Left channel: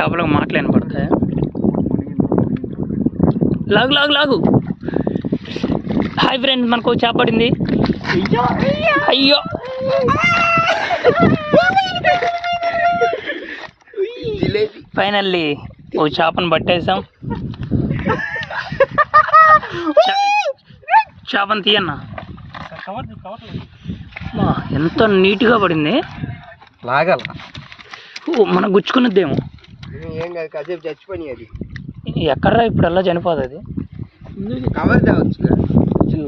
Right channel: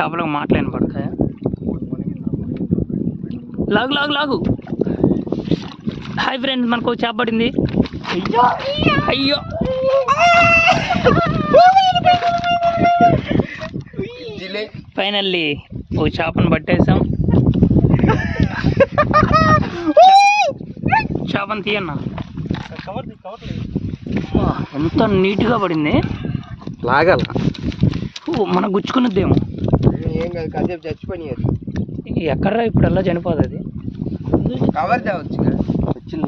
చేపలకు మాటలేని పడతాయా? లాగు లాగు లాగు. హాయ్ ఫ్రెండ్స్, మనకు చేప పడింది. అయ్యో ఫైనల్లీ ఓ చేపను పట్టేసాం. చేపను తీయన్నా. ఎంత నీట్గా పడింది. లాగాల మనకు గుచ్చుకున్నదేమో. ఏం కాదు, కాసేపు చచ్చిపోయి అది ఎక్కడ్రా ఇప్పుడు ఎలా చనిపోతుంది అది. కవర్ తేవచ్చు.